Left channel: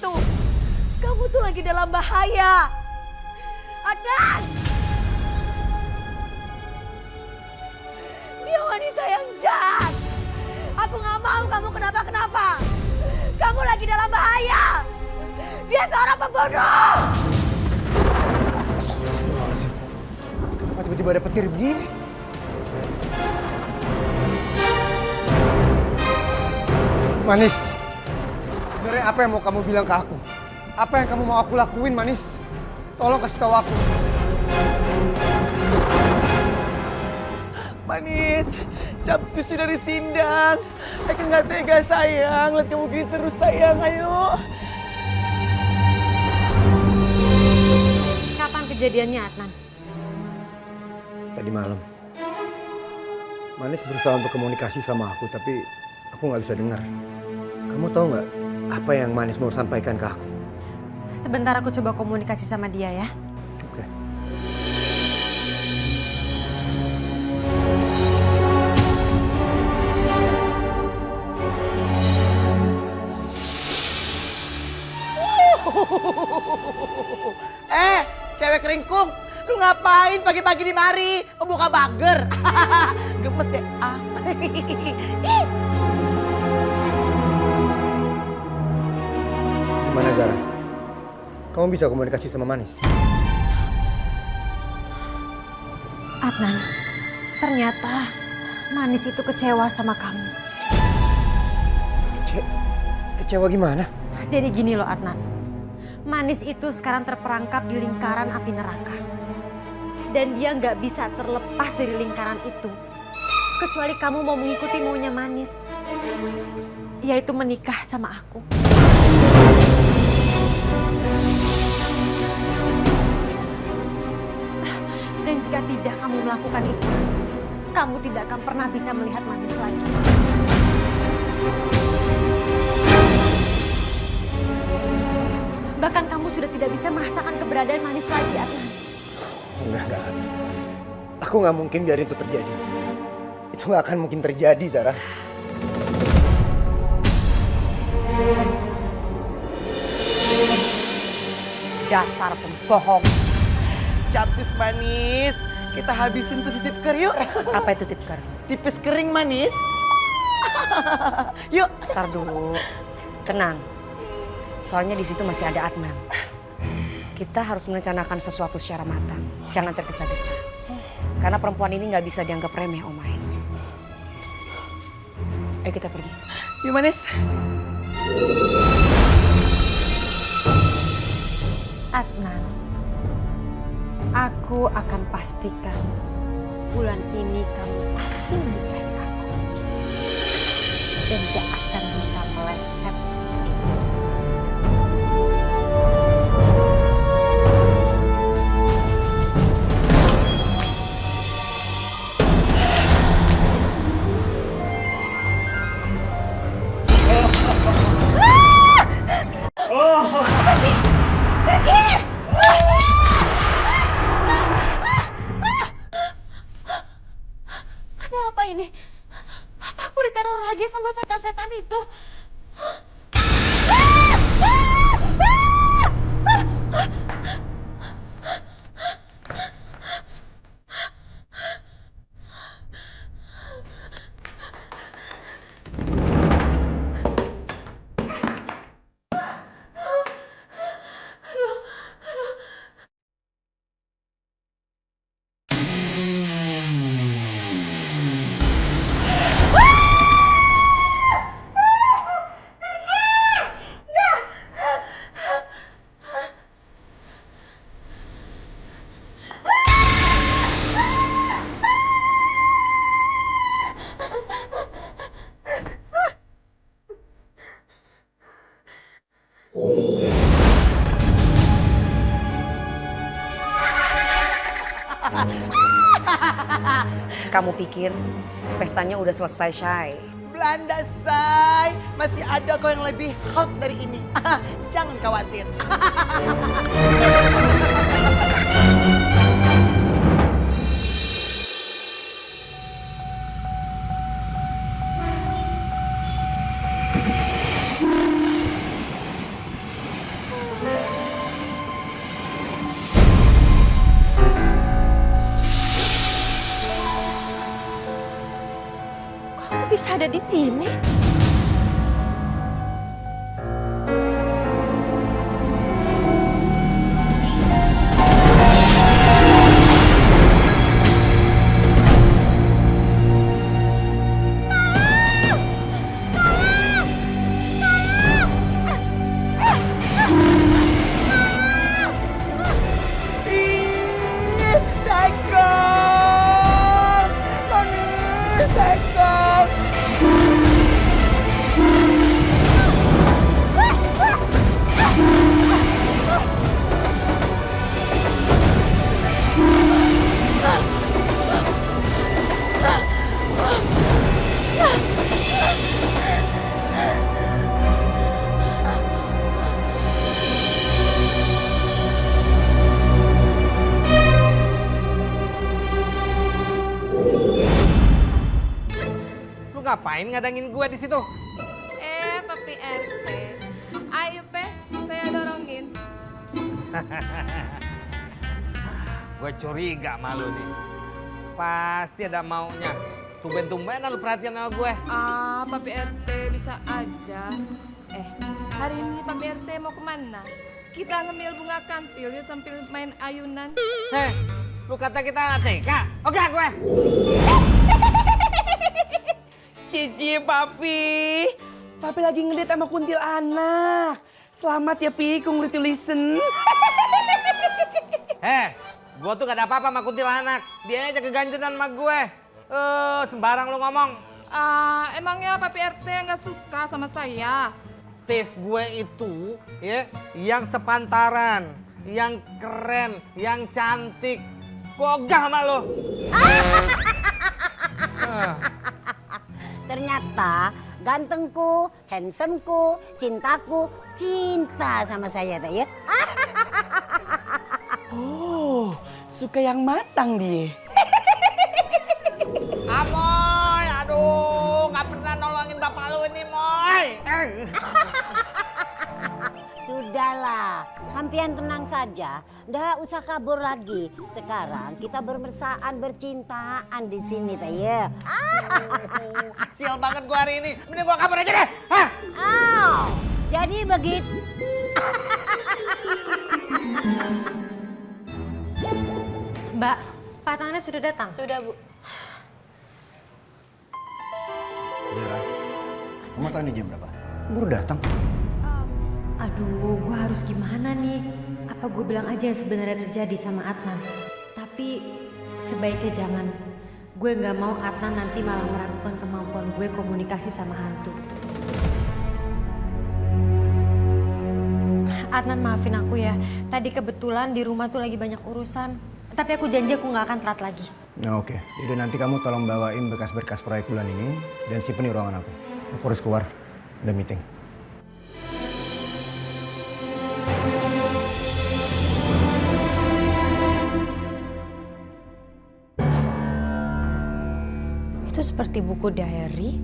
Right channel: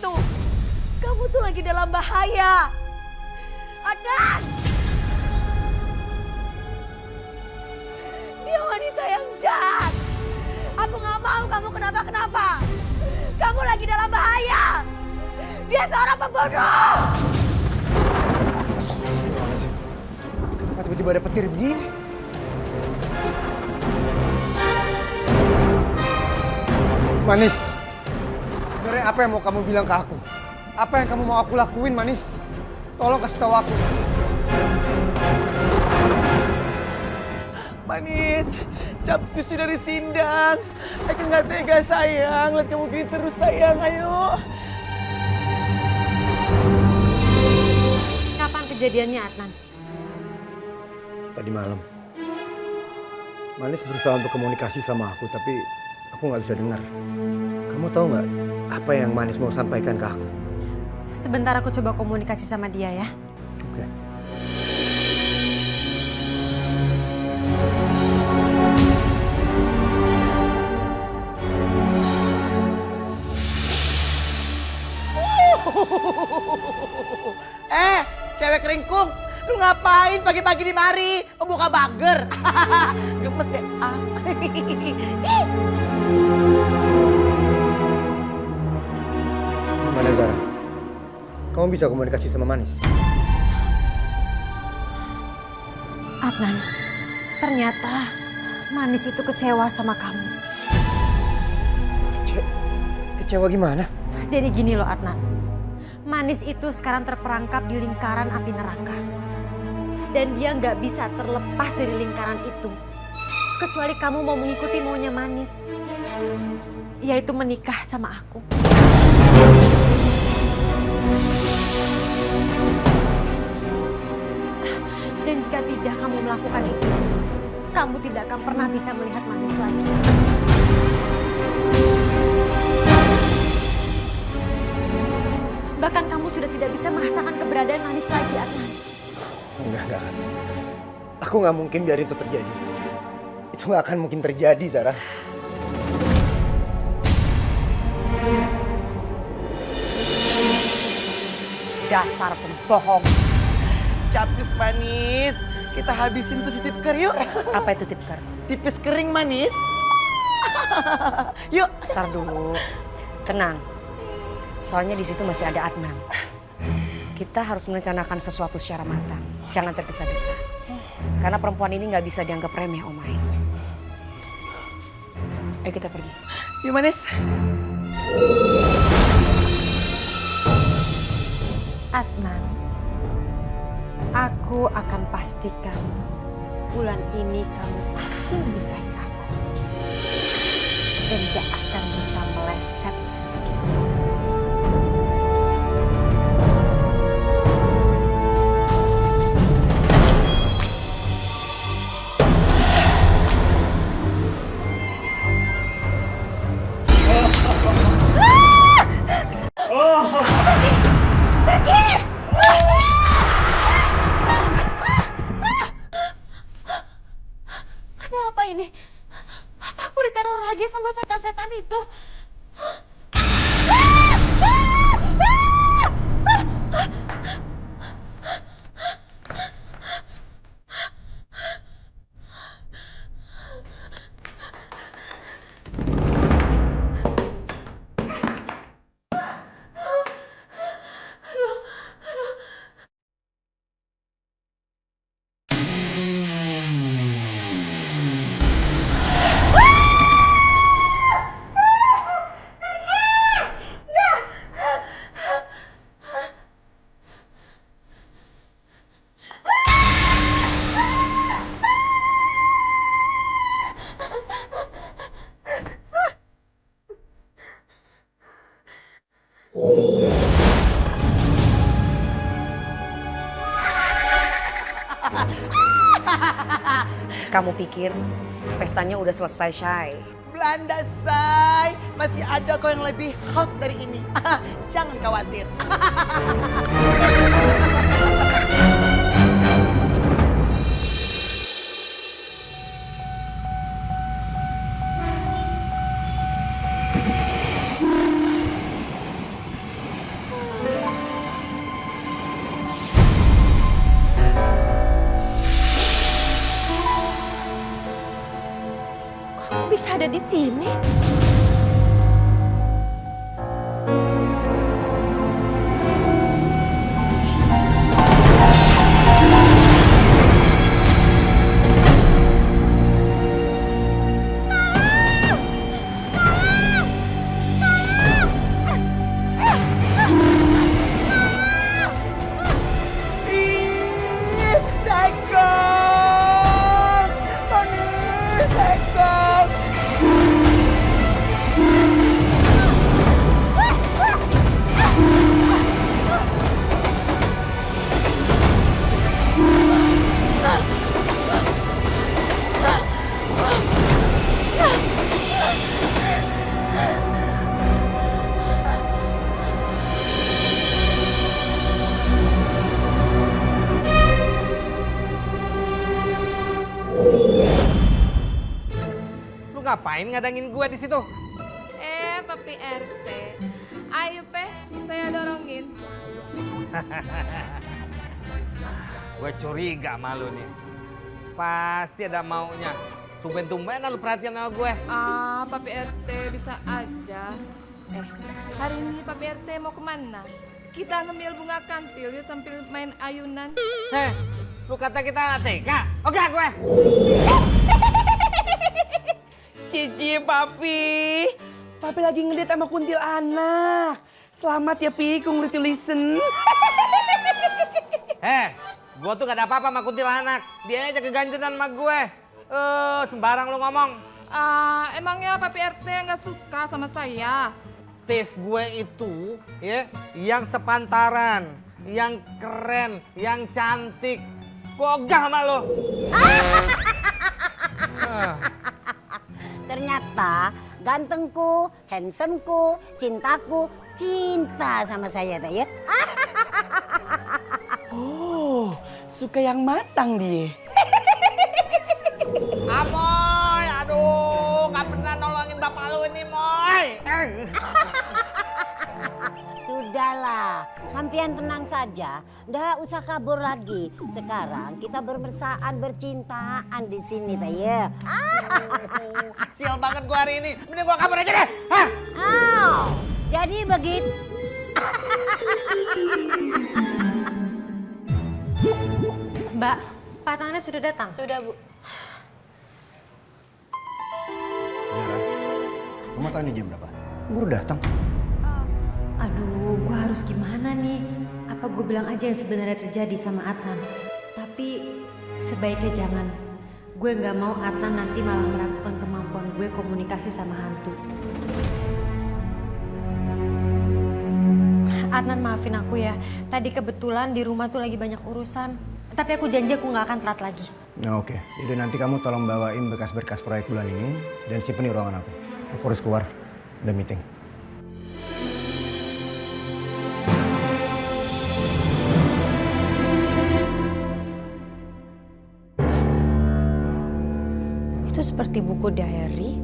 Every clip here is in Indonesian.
itu. Kamu tuh lagi dalam bahaya. Adnan! Dia wanita yang jahat. Aku gak mau kamu kenapa-kenapa. Kamu lagi dalam bahaya. Dia seorang pembunuh. Astagfirullahaladzim. Kenapa tiba-tiba ada petir begini? Manis, sebenarnya apa yang mau kamu bilang ke aku? Apa yang kamu mau aku lakuin, Manis? Tolong kasih tahu aku. Manis, Capcus sudah disindang. Aku nggak tega sayang, lihat kamu gini terus sayang, ayo. Kapan kejadiannya, Adnan? Tadi malam, Manis berusaha untuk komunikasi sama aku, tapi aku nggak bisa dengar. Kamu tahu nggak apa yang Manis mau sampaikan ke aku? Sebentar aku coba komunikasi sama dia ya. Oke. Cewek keringkung, lu ngapain pagi-pagi di mari? Oh, buka bager. Gemes deh. Gimana Zara? Kamu bisa komunikasi sama Manis? Adnan, ternyata Manis itu kecewa sama kamu. Kecewa gimana? Jadi gini loh Adnan, Manis itu sekarang terperangkap di lingkaran api neraka. Dan dia nggak bisa terlepas dari lingkaran itu. Kecuali kamu mau mengikuti maunya Manis. Yaitu menikah sama aku. Dan jika tidak kamu melakukan itu, kamu tidak akan pernah bisa melihat Manis lagi. Bahkan kamu sudah tidak bisa merasakan keberadaan Manis lagi, Adnan. Enggak. Aku nggak mungkin biarin itu terjadi. Itu nggak akan mungkin terjadi, Zara. Dasar pembohong. Capcus Manis, kita habisin tuh si tipker yuk. Apa itu tipker? Tipis kering Manis. Yuk. Ntar dulu, tenang. Soalnya di situ masih ada Adnan. Kita harus merencanakan sesuatu secara matang. Jangan tergesa-gesa. Karena perempuan ini nggak bisa dianggap remeh, Omai. Ayo kita pergi. Yuk Manis. Adnan, aku akan pastikan bulan ini kamu pasti menikahi aku. Dan gak akan bisa meleset sedikit pun. Apa ini? Apa aku diteror lagi sama setan-setan itu? Kamu pikir pestanya udah selesai, Shay? Belanda say, masih ada kok yang lebih hot dari ini. Jangan khawatir. bisa ada di sini? Ih, Tekong! Manis, Tekong! Lu ngapain ngadangin gue di situ? Papi RT. Ayo, saya dorongin. Gue curiga sama lu nih. Pasti ada maunya. Tumben-tumbenan lu perhatian sama gue. Papi RT bisa aja. Hari ini Papi RT mau kemana? Kita ngemil bunga kantil ya sambil main ayunan. Heh, lu kata kita anak TK? Oke gue. Cici, Papi. Papi lagi ngeliat sama kuntilanak. Selamat ya, Pi, congratulations. Gue tuh gak ada apa-apa sama kuntilanak. Dia aja keganjenan sama gue. Sembarang lu ngomong. Emangnya Papi RT nggak suka sama saya? Tes gue itu ya yang sepantaran, yang keren, yang cantik. Gue ogah sama lo. Ternyata gantengku, handsomku, cintaku, cinta sama saya tak ya? Oh, suka yang matang dia. Amoy, aduh, gak pernah nolongin bapak lu ini, Moy. Sudahlah, sampean tenang saja. Nggak usah kabur lagi. Sekarang kita bermesraan, bercintaan di sini tak ya? Sial banget gua hari ini. Mending gua kabur aja deh. Hah? Jadi begitu. Mbak, Pak Tangannya sudah datang? Sudah, Bu. Zara, kamu tahu ini jam berapa? Baru datang. Aduh, gue harus gimana nih? Apa gue bilang aja yang sebenarnya terjadi sama Adnan? Tapi sebaiknya jangan. Gue nggak mau Adnan nanti malah meragukan kemampuan gue komunikasi sama hantu. Adnan, maafin aku ya. Tadi kebetulan di rumah tuh lagi banyak urusan. Tapi aku janji aku nggak akan telat lagi. Nah, oke. Jadi nanti kamu tolong bawain berkas-berkas proyek bulan ini dan simpen di ruangan aku. Aku harus keluar. Ada meeting. Itu seperti buku diary.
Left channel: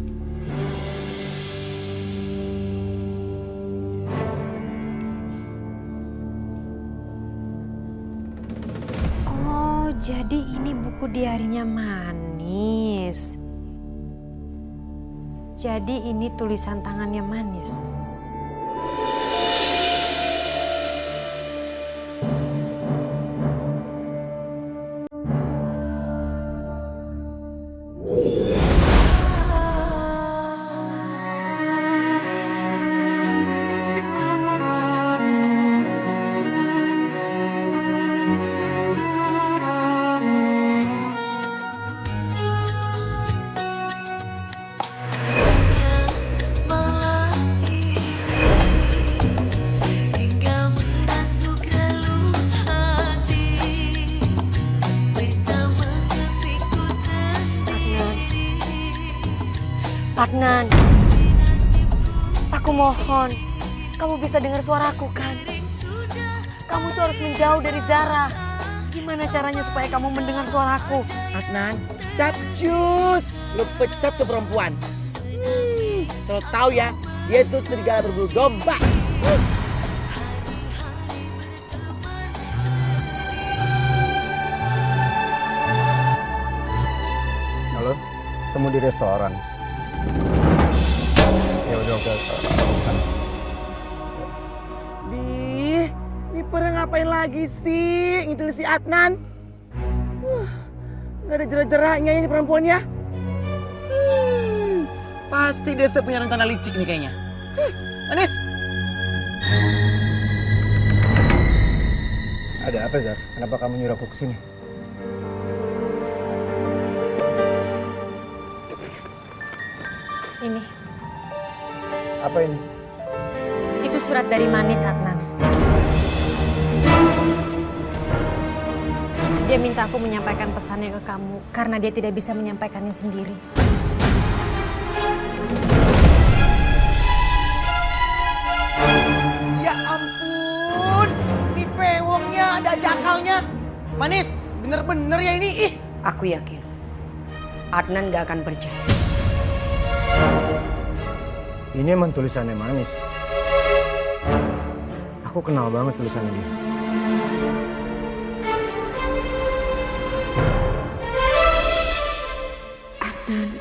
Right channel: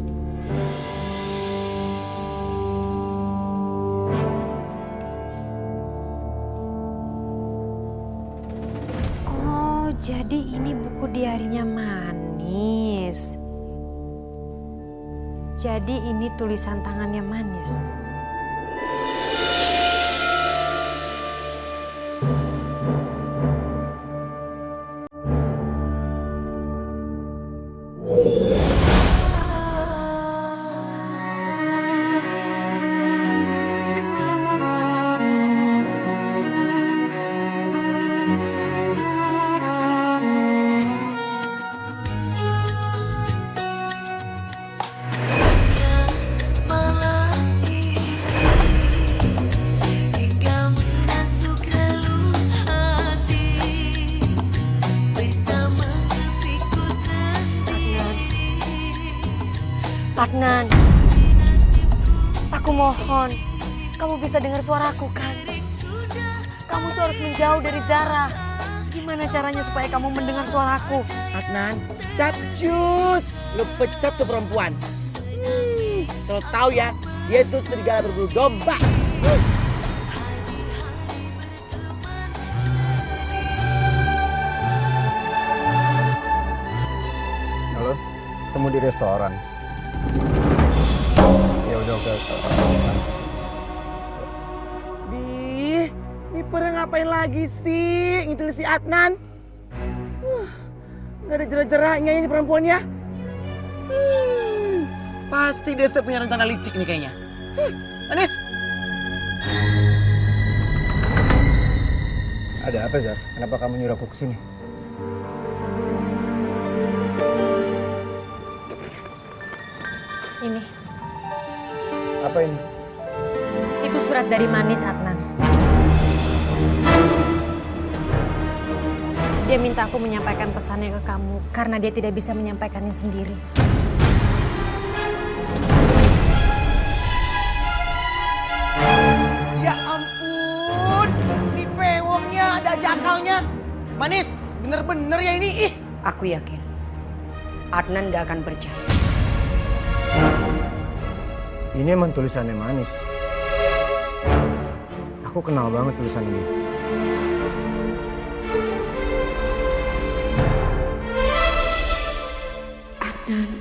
Oh, jadi ini buku diarinya Manis. Jadi ini tulisan tangannya Manis. Adnan, aku mohon, kamu bisa dengar suaraku kan? Kamu tuh harus menjauh dari Zara. Gimana caranya supaya kamu mendengar suaraku? Adnan, capcus. Lu pecat tuh perempuan. Selalu tahu ya, dia itu serigala berbulu domba. Halo, ketemu di restoran. oke. Sana. Ini pada ngapain lagi sih? Ngintil si Adnan. Nggak ada jerak-jeraknya ini perempuannya. Pasti dia sudah punya rencana licik nih kayaknya. Manis. Ada apa, Zar? Kenapa kamu nyuruh aku kesini? Ini, Apa ini? itu surat dari Manis, Adnan. Dia minta aku menyampaikan pesannya ke kamu karena dia tidak bisa menyampaikannya sendiri. Ya ampun, ini pewongnya ada jakalnya. Manis, bener-bener ya ini. Ih. Aku yakin Adnan gak akan percaya. Ini emang tulisannya Manis. Aku kenal banget tulisannya dia. Adnan,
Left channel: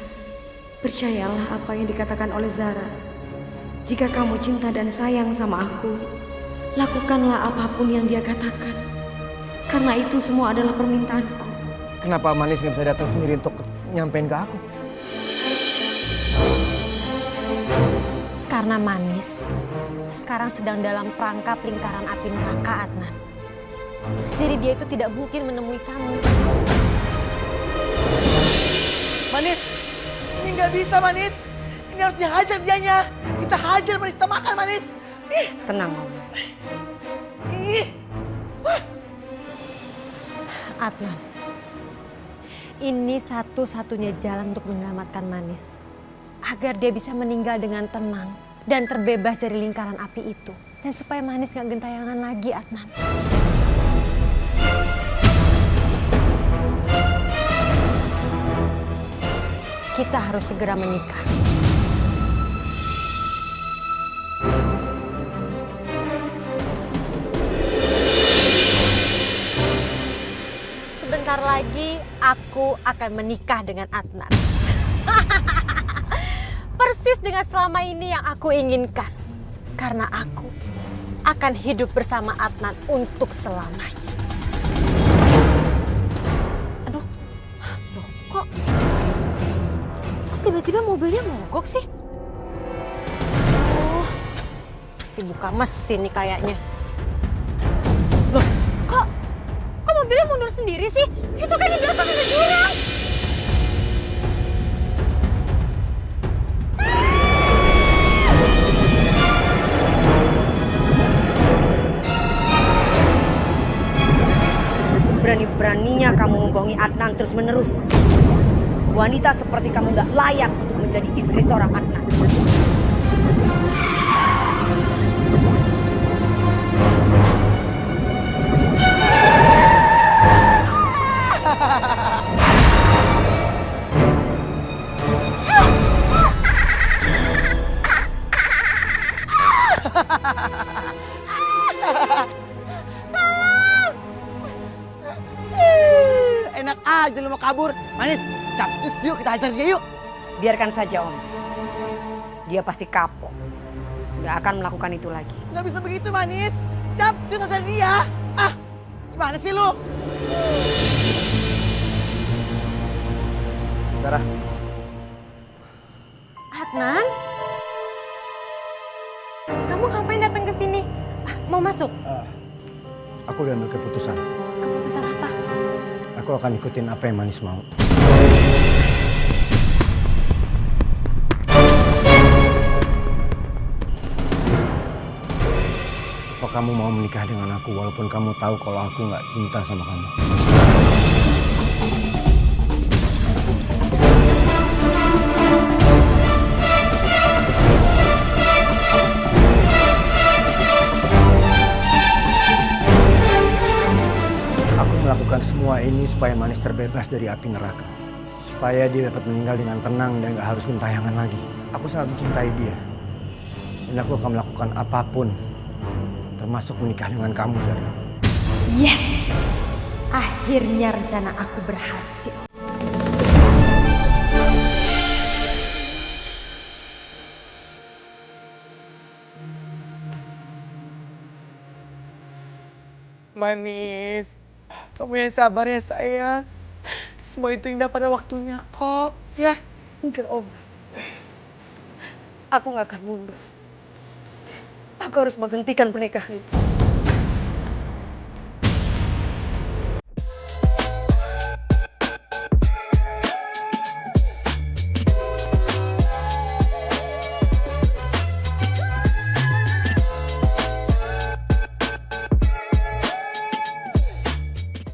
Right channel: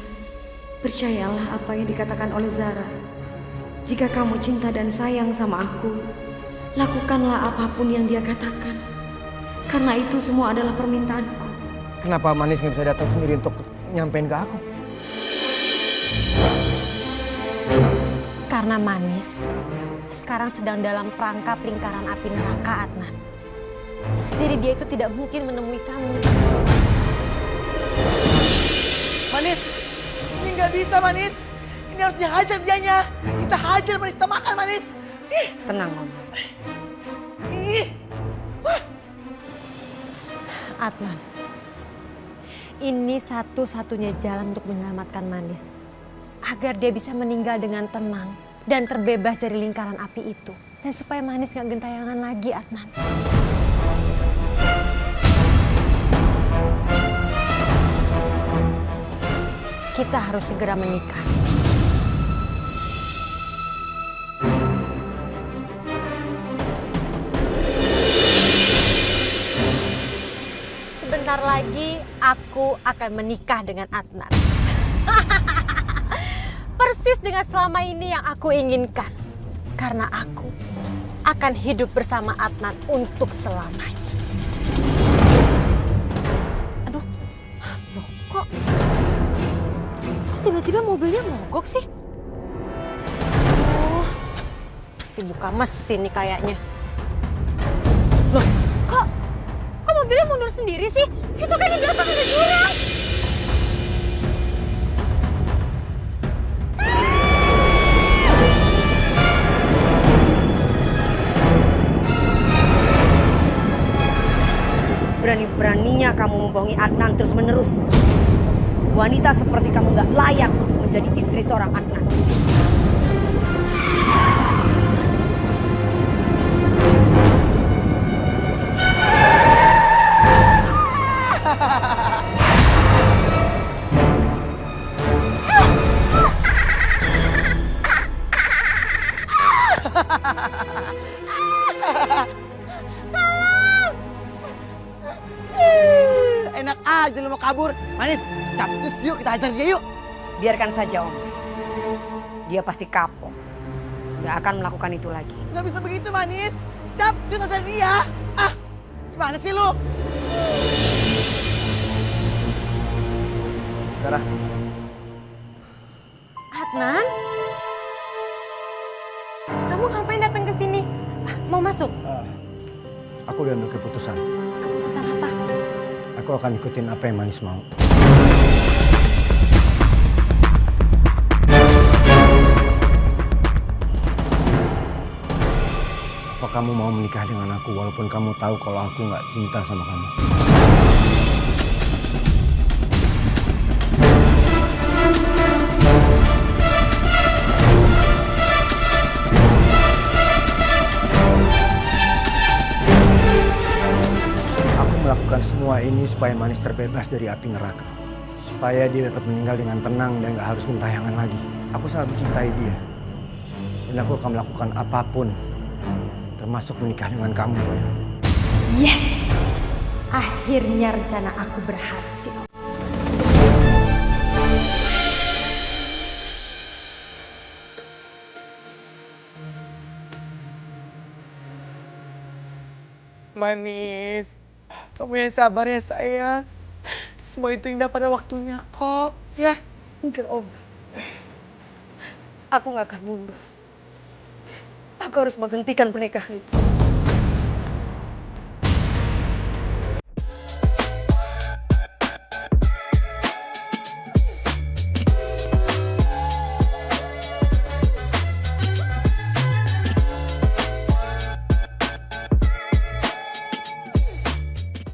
percayalah apa yang dikatakan oleh Zara. Jika kamu cinta dan sayang sama aku, lakukanlah apapun yang dia katakan. Karena itu semua adalah permintaanku. Kenapa Manis nggak bisa datang sendiri untuk nyampein ke aku? Karena Manis sekarang sedang dalam perangkap lingkaran api neraka, Adnan. Jadi dia itu tidak mungkin menemui kamu. Manis, ini nggak bisa Manis. Ini harus dihajar dianya. Kita hajar Manis, kita makan Manis. Ih, Tenang, Mama. ih. Wah. Adnan, ini satu-satunya jalan untuk menyelamatkan Manis. Agar dia bisa meninggal dengan tenang dan terbebas dari lingkaran api itu. Dan supaya Manis gak gentayangan lagi, Adnan. Kita harus segera menikah. Sebentar lagi aku akan menikah dengan Adnan. Persis dengan selama ini yang aku inginkan. Karena aku akan hidup bersama Adnan untuk selamanya. Aduh, loh kok tiba-tiba mobilnya mogok sih? Oh, pasti buka mesin nih kayaknya. Loh, kok mobilnya mundur sendiri sih? Itu kan di belakang ada jurang. Berani-beraninya kamu membohongi Adnan terus-menerus. Wanita seperti kamu gak layak untuk menjadi istri seorang Adnan. Enak aja lu mau kabur. Manis, capcus yuk kita hajar dia yuk. Biarkan saja, Om. Dia pasti kapok. Gak akan melakukan itu lagi. Nggak bisa begitu Manis. Capcus hajar dia. Ah, gimana sih lu? Zara, Adnan? Kamu ngapain datang ke sini? Mau masuk? aku udah ambil keputusan. Keputusan apa? Aku akan ikutin apa yang Manis mau. Apa kamu mau menikah dengan aku walaupun kamu tahu kalau aku nggak cinta sama kamu? Aku melakukan semua ini supaya Manis terbebas dari api neraka. Supaya dia dapat meninggal dengan tenang dan gak harus gentayangan lagi. Aku sangat mencintai dia. Dan aku akan melakukan apapun. Termasuk menikah dengan kamu, Zara. Yes! Akhirnya rencana aku berhasil. Manis, kamu yang sabar ya sayang. Semua itu indah pada waktunya kok, ya. Enggak, Om. Aku nggak akan mundur. Aku harus menghentikan pernikahan itu.